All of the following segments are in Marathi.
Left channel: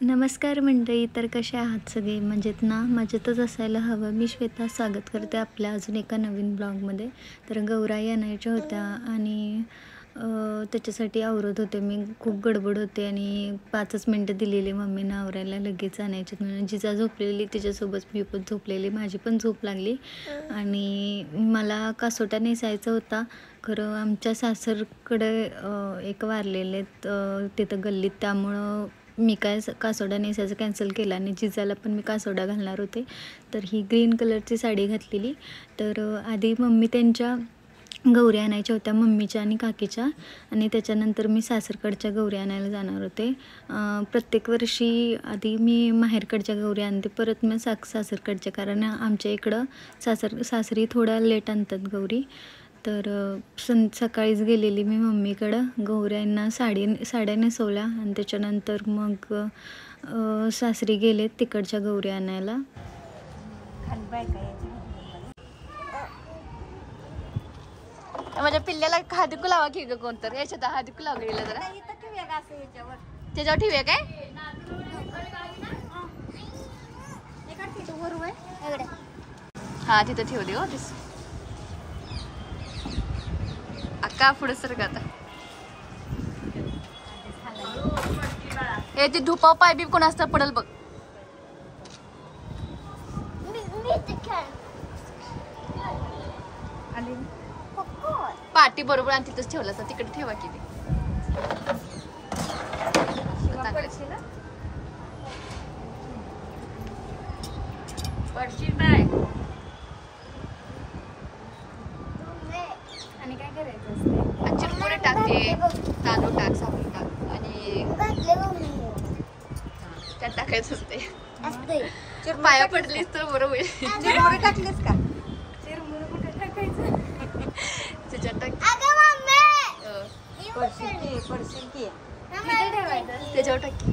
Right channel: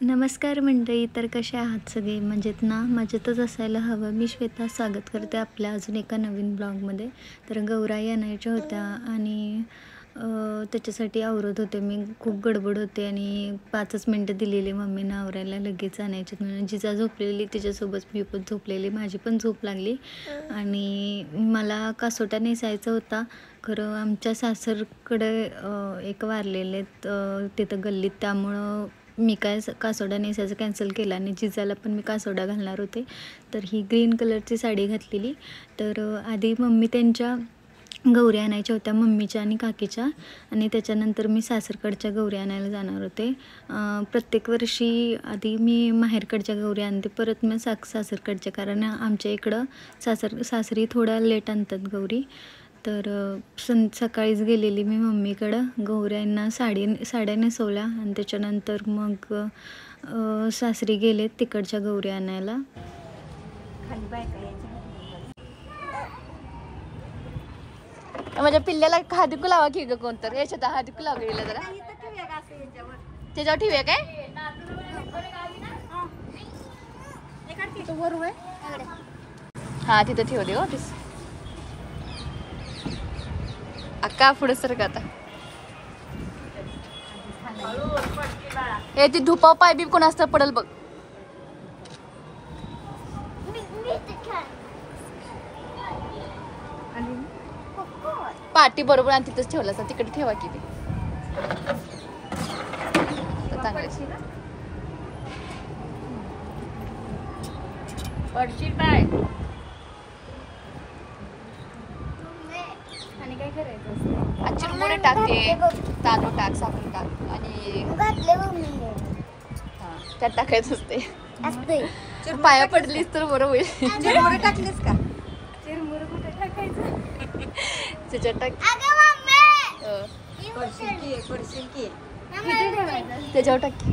नमस्कार मंडळी. तर कसे आहात सगळे? मजेत ना? मजेतच असायला हवं. मी श्वेता स्वागत करते आपल्या अजून एका नवीन ब्लॉगमध्ये. तर गौराई आणायच्या होत्या आणि त्याच्यासाठी आवरत होते. मी खूप गडबड होते आणि 5च मिनटं दिलेली मम्मीनं आवरायला, लगेच आणायचे म्हणून. जिजा झोपलेली, तिच्यासोबत मी पण झोपलेली. माझी पण झोप लागली आणि मला कासोटा नेसायचा होता. खरं आमच्या सासरकडे एक वारलेले तिथं गल्लीत, त्यामुळं मी काय कासोडा नेसायचं कॅन्सल केला आणि जिजाला पण मी कासोडा घालणार होते. तर ही ग्रीन कलरची साडी घातलेली. तर आधी मम्मी त्यांच्या गौरी आणायच्या होत्या, मम्मीच्या आणि काकीच्या, आणि त्याच्यानंतर मी सासरकडच्या गौरी आणायला जाणार होते. प्रत्येक वर्षी आधी मी माहेरकडच्या गौरी आणते, परत मी सासरकडच्या, कारण आमच्या इकडं सासरी थोड्या लेट आणतात गौरी. तर सकाळीच गेलेली मी मम्मीकडं, गौऱ्यांना साड्या नेसवल्या आणि त्याच्यानंतर मग सासरी गेले तिकडच्या गौरी आणायला. माझ्या पिल्ल्याला हादिकू लावा की ग कोणतर, याच्यात हादिकू लावा गेला जरा, त्याच्यावर ठेवूया काय? हा तिथं ठेव दे. हो तीस अक्का पुढे सर का आता. हे ती धुपाव पाय बी कोण असतं पडल बघ. पाटी बरोबर आणि तिथंच ठेवला, तिकडे ठेवा की ते आणि काय करायचं? चिरमुरे टाकते, तांदूळ टाक, साखर टाक आणि त्यात टाकायचं असते. पाया पडलीस तर बरं होईल. चिरमुरे टाकलीस का? चिरमुरे कुठे टाकायचं? त्याच्यात टाक. त्याच्यावर टाकी.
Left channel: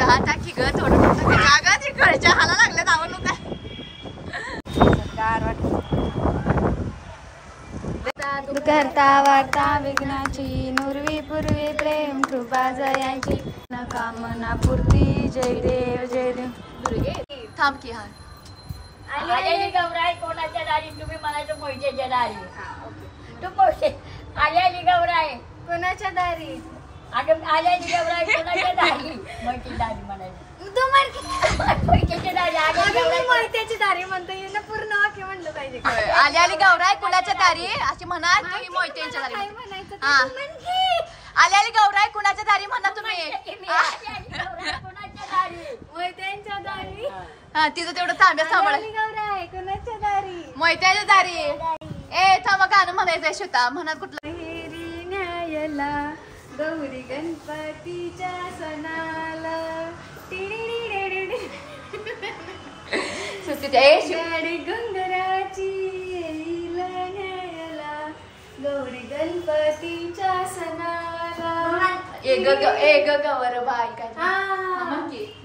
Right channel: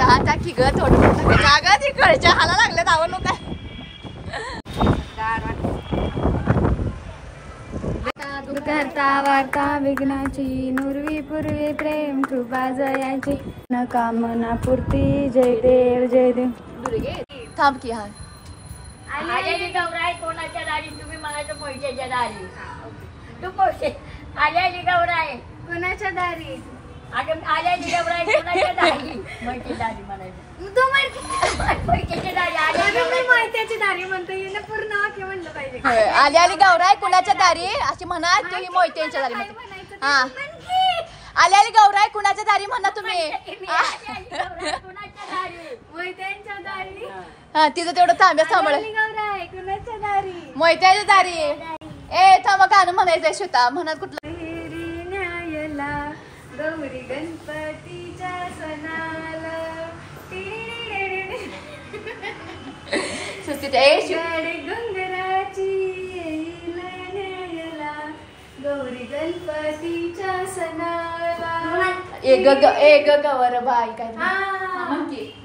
हा टाकी ग, थोडं टाकायचं. ती कळच्या हाला लागल्यात, आवडलो काय? करता वार्ता विघ्नाची, नुरवी पूर्वी प्रेम कृपा जयाची, न कामना पूर्ती, जय देव जय देव. थांब की. हा गौराई कोणाच्या दारी? तुम्ही म्हणायचं पैशाच्या दारी. तू पैसे आल्याली गौराई कोणाच्या दारी? अगं आल्याली गौराई कोणाच्या दारी? माहिती दारी म्हणायचं. तू पैशाच्या दारी आली, माहितीची दारी म्हणतो ना, पूर्ण वाक्य म्हणलं पाहिजे. आली आली गौराई कुणाच्या दारी अशी म्हणा, तुम्ही मोहित्यांच्या दारी म्हणते. हा आली आली गौराई कुणाच्या दारी म्हणा तुम्ही. मोहित्यांच्या दारी. हा तिथं तेवढं तांब्या सांभाळ. गौराई कुणाच्या दारी? मोहित्यांच्या दारी. ए थांबा, गाणं म्हणायचंय श्वेता, म्हणा कुठलं. गौरी गणपतीच्या सणाला घुंगराची येईल न्यायला, गौरी गणपतीच्या सणाला ए ग गवर बाई काय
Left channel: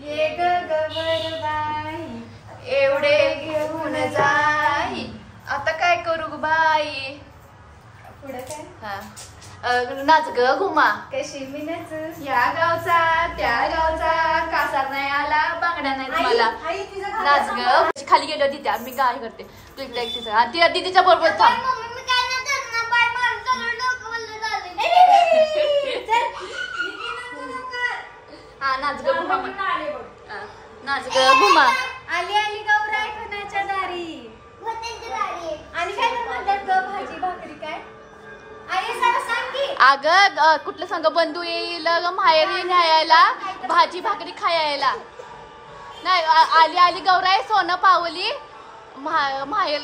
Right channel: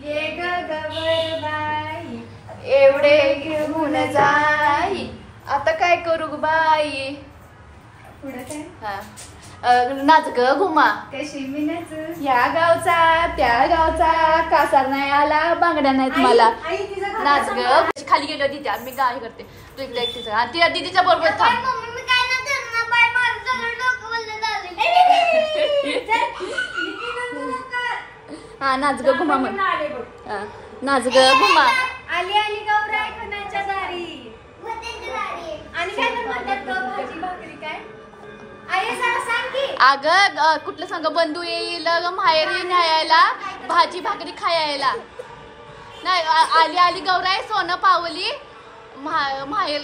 ये ग गवर बाई, एवढे घेऊन जाई, आता काय करू ग बाई. पुढं काय? हा नाच ग घुमा, कशी मी नाचू, या गावचा त्या गावचा, कासार नाही आला, बांगड्या नाहीत मला, नाच ग. खाली गेलो तिथे मी गाय करते तिचा, तिला दीदीच्या बरोबर थांब. हा नाच ग घुमा म्हण, नाच ग घुमा. आली आली गौराई कुणाच्या दारी, आणि काय म्हणतात भाजी भाकरी काय? अगं कुठलं सांग, बंधू येईल माहेरी न्यायला, भाजी भाकरी खायला. नाही आली आली गौराई सोनं पावली माहेर.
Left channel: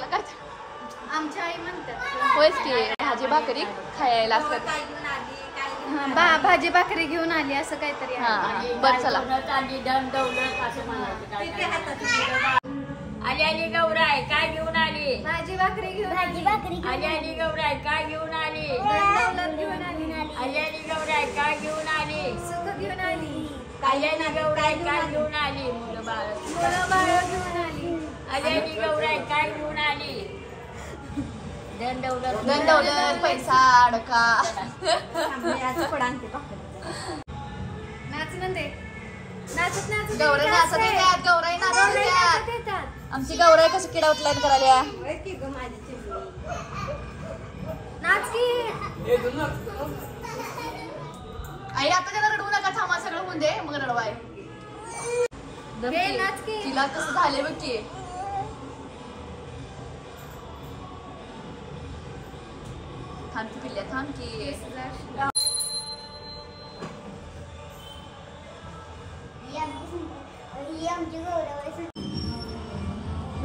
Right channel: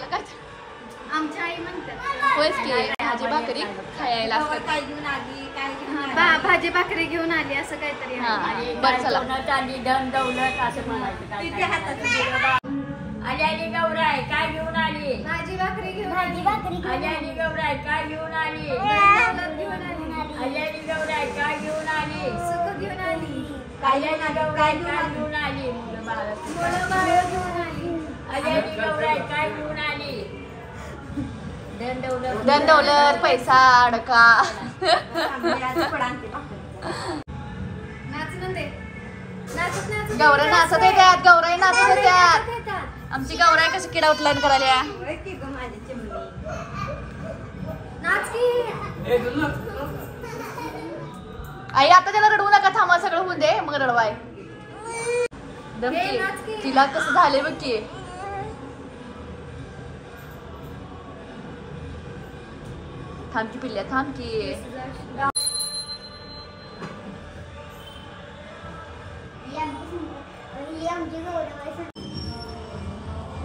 आमच्या आई म्हणतात होयच की, भाजी भाकरी खायला. काय घेऊन आली, काय भाजी भाकरी घेऊन आली असं काहीतरी. हा बरं चला. आली आली गौराई काय घेऊन आली, भाजी भाकरी घेऊन आली. आली आली गौराई काय घेऊन आली, दौलत घेऊन आली. आली आली गौराई काय घेऊन आली, सुख घेऊन आली. आली आली गौराई काय घेऊन आली, मुलं बाळ घेऊन आली. आली आली गौराई काय घेऊन आली, धन दौलत पैसा अडका. नाच म्हणते गौराई नाचत येतात, गौराई नाचत येतात. आमची गौराई कसं किडा उठलाय करायला. आई आता त्याला रडवू नका, थांबा सगळं होऊन दे मग रडवाय. तिला कसं झाले बघ की. थांब की पिल्ल्या, थांब की.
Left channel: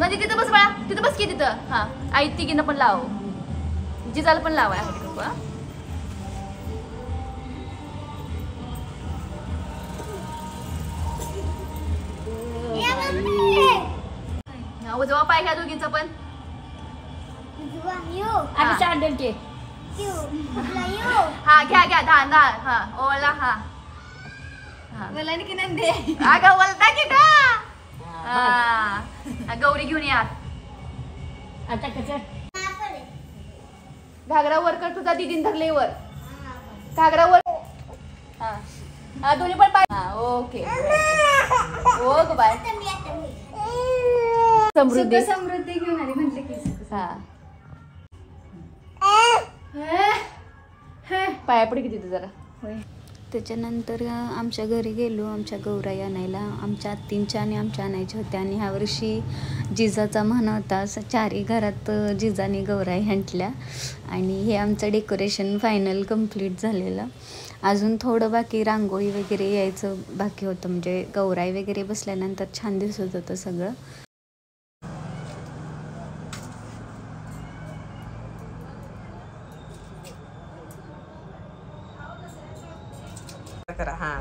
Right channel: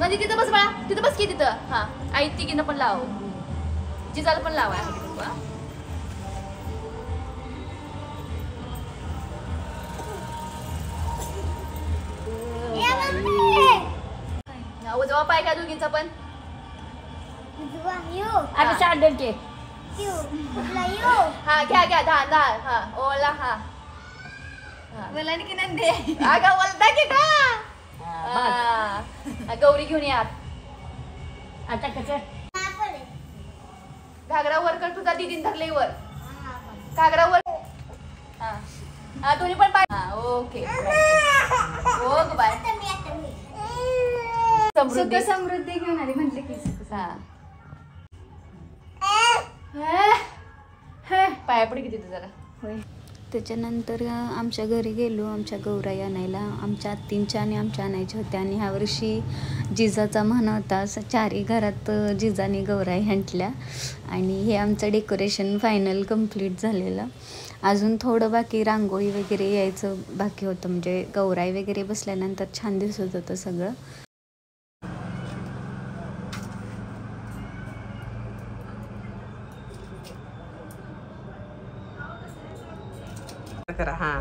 नदी तिथं बस बाळा, तिथं बस की तिथं. हा आई तिघींना पण लाव, जिजाला पण लावाय. उजवा पाय घ्या दोघींचा पण. हा घ्या घ्या, धान धान. हा ओला. हा बोला की नंदे. अगं बोलता की का. गौरी घेऊन यात. आता कसं घागरा वर कर तुझा, दीदीन धरले वर. घागरा वर. हा दोन्ही पण पाय. ओके ओ बाय. सुख समृद्धी घेऊन आली म्हटले की. पाया पडी किती जरा. होय. त्याच्यानंतर आमच्या घरी गेलो आमच्या गौराई आणायला. आमच्या आत्तींच्या आणि आमच्या आणायच्या होत्या. आणि ह्या वर्षी जिजाचा मान होता, चारही घरात जिजाने गौराई हंटल्या. आणि हे आमचं डेकोरेशन फायनल कंप्लीट झालेलं. अजून थोडं बाकी रांगोळी वगैरे यायचं बाकी होतं. म्हणजे गौराई वगैरे बसल्यानंतर छान दिसत होतं सगळं. करा. हा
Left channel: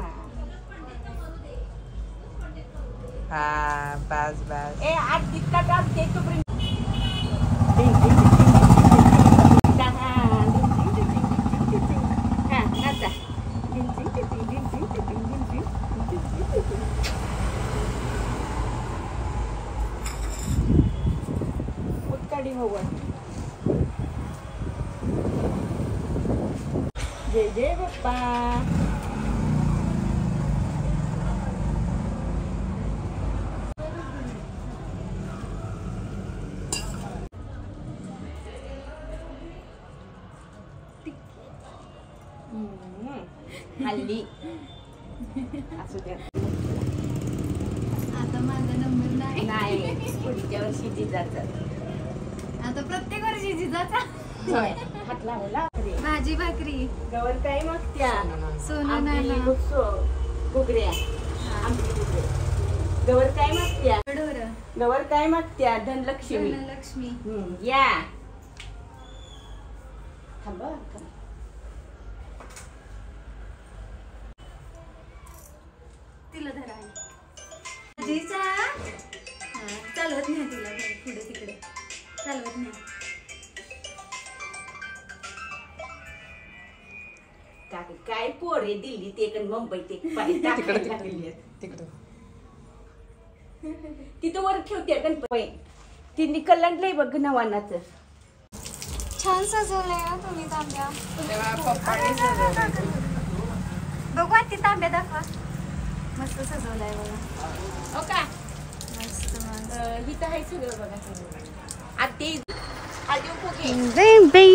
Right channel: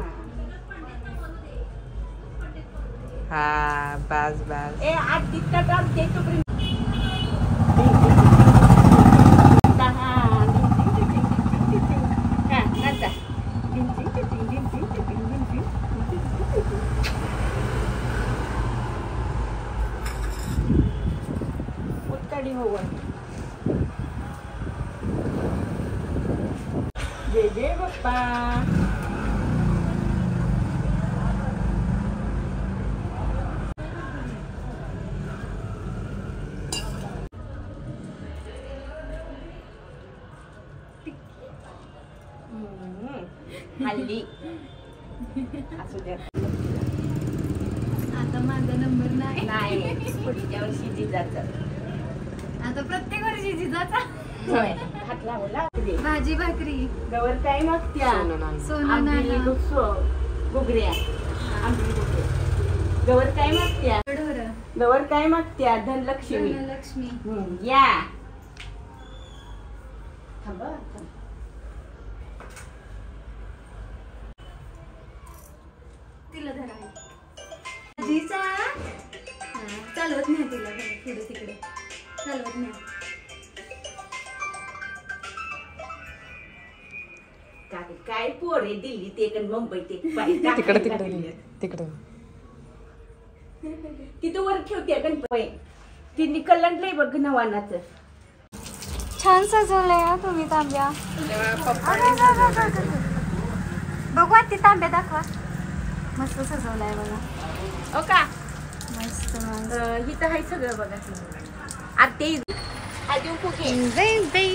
हा बस बस. ए आज तितका काम ते तोपर्यंत जय जय बाप्पा. हल्ली असू द्या. आता माझा नंबर नाही. पुढच्या वर्षी जिजाचा. आता प्रत्येक वर्षी जिजाचा. हात लावला. भाजी भाकरी गवर काय मागत्या. सोनं नाणं गुगऱ्या. गवर काय मागत्या. ढोरं. गवर काय मागत्या. धनलक्ष्मी. धनलक्ष्मी. या थांबा. तिला धरा जिजा. चालवत नाही तिला पुढे तिकडे चालवत नाही. काय पोरे दिल्ली ते पण मुंबई ते तिकडं तिथं वर ठेवते गणपती. ती कलंडलंय बघ नवानाचं. छान सजवलंय ना तुम्ही तांब्या. बघू ती तांब्या दाखवा. मस्त सजवलाय बघा. हो का मस्त. हिथं आहे सगळं बघा. आते आजू फुगे. बेबी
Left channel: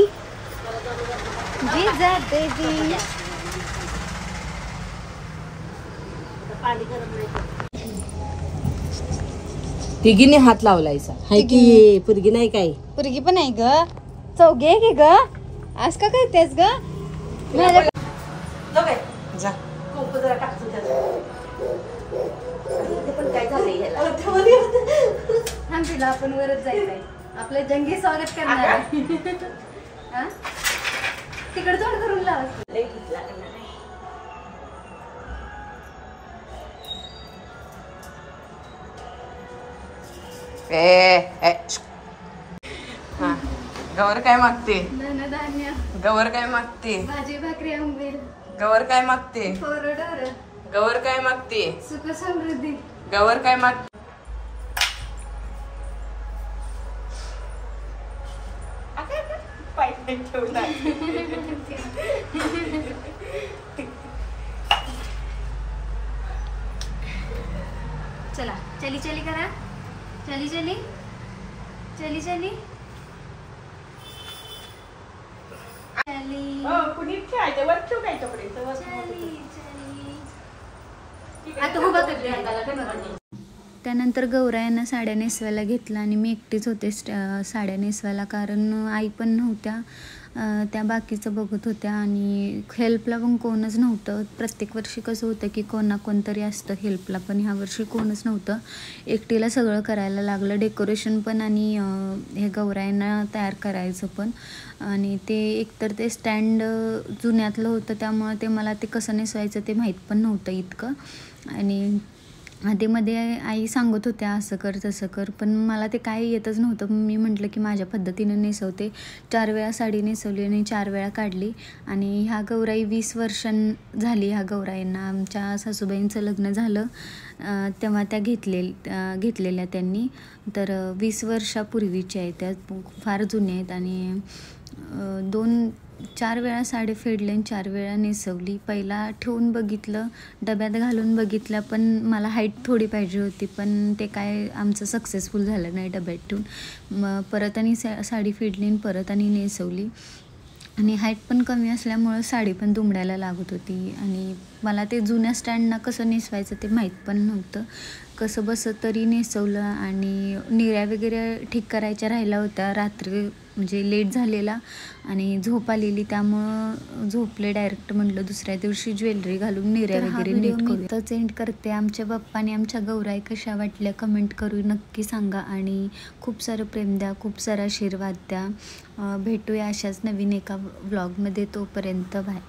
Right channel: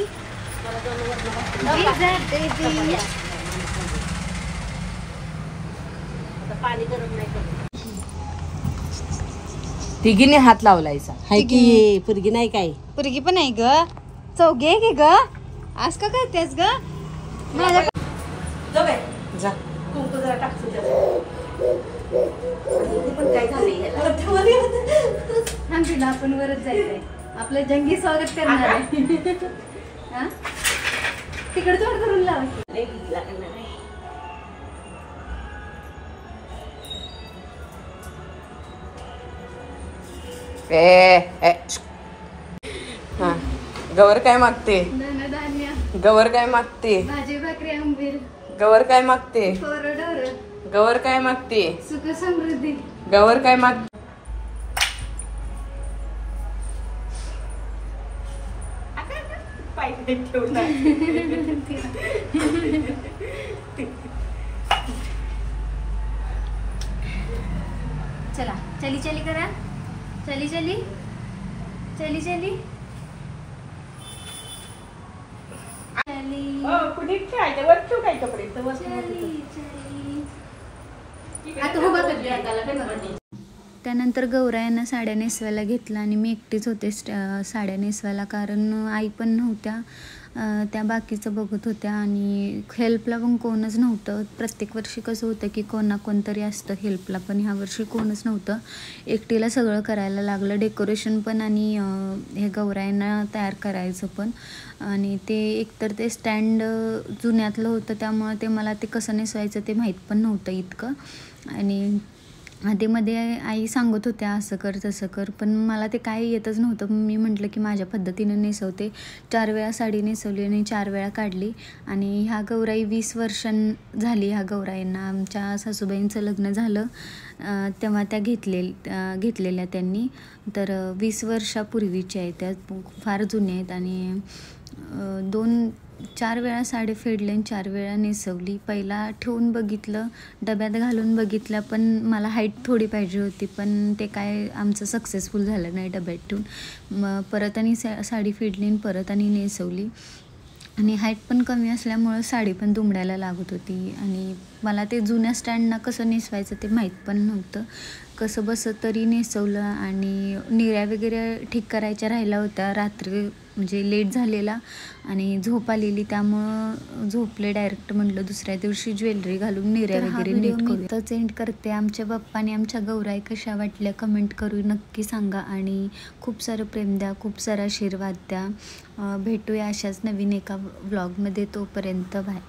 जिजा बेबी. पाणी गरम नाही. तिघीने हात लावलायचा. हाय की पुरगी नाही काय. पुरगी पण आहे ग. चौघे की ग. आज का करतेस ग. माझ्या जा. कुंकू जरा टाकतो त्यात. पण काय झालंय थांब तिला आपण वरच जायचंय. आपलं जंगी स्वागत करणार आहे. तिकडे तोंड करून लावा. लय घेतला करणार आहे. हा गवर काय मागते. धनधान्य गवर काय मागते. भाजी भाकरी आंबील. गवर काय मागते. ढोरं. गवर काय मागते. सुख समृद्धी. गवर काय मागते. पाय ठेवला. चला चली चली करा. चली चली चली चली आता उभा कर प्रियंकाला, काय बघा. त्यानंतर गौरायांना साड्या नेसवायला घेतलं आणि मी एकटीच होते साड्या नेसवायला, कारण आई पण नव्हत्या. त्या बाकीचं बघत होत्या आणि हेल्पला पण कोणच नव्हतं. प्रत्येक वर्षी कसं होतं की कोण ना कोणतरी असतं हेल्पला, पण ह्या वर्षी कोणच नव्हतं. एकटीला सगळं करायला लागलं, डेकोरेशन पण आणि हे गौरायांना तयार करायचं पण. आणि ते एकतर ते स्टँड जुन्यातलं होतं, त्यामुळं ते मला ते कसं नेसवायचं ते माहीत पण नव्हतं इतकं. आणि आधीमध्ये आई सांगत होत्या असं कर तसं कर, पण मला ते काय येतच नव्हतं. मी म्हटलं की माझ्या पद्धतीनं नेसवते. 4 वेळा साडी नेसवली आणि 4 वेळा काढली. आणि ह्या गौराई 20 झाली. ह्या गौराईंना आमच्या सासूबाईंचं लग्न झालं तेव्हा त्या घेतलेल्या त्यांनी. तर 20 वर्षापूर्वीच्या आहेत त्या, फार जुन्या आहेत. आणि 4 वेळा साडी फेडली आणि 4 वेळा नेसवली. पहिला ठेवून बघितलं, डब्यात घालून बघितलं, पण मला हाईट थोडी पाहिजे होती, पण ते काय आमचं सक्सेसफुल झालं नाही डब्यात ठेवून. मग परत आणि साडी फेडली आणि परत आणि नेसवली. आणि हाईट पण कमी असल्यामुळं साडी पण दुमडायला लागत होती. आणि मला ते जुन्या स्टँडना कसं नेसवायचं ते माहीत पण नव्हतं. कसं बसं तरी नेसवलं. आणि निऱ्या वगैरे ठीक करायच्या राहिल्या होत्या. रात्री म्हणजे लेट झालेला आणि झोप आलेली, त्यामुळं झोपले डायरेक्ट. म्हटलं दुसऱ्या दिवशी ज्वेलरी घालून निऱ्या वगैरे नीट करू. इथंच एंड करते. आमच्या बाप्पाने आमच्या गौराई कशा वाटल्या कमेंट करून नक्की सांगा. आणि खूप सारं प्रेम द्या, खूप सारा आशीर्वाद द्या. भेटूया अशाच नवीन एका व्लॉगमध्ये. तोपर्यंत बाय.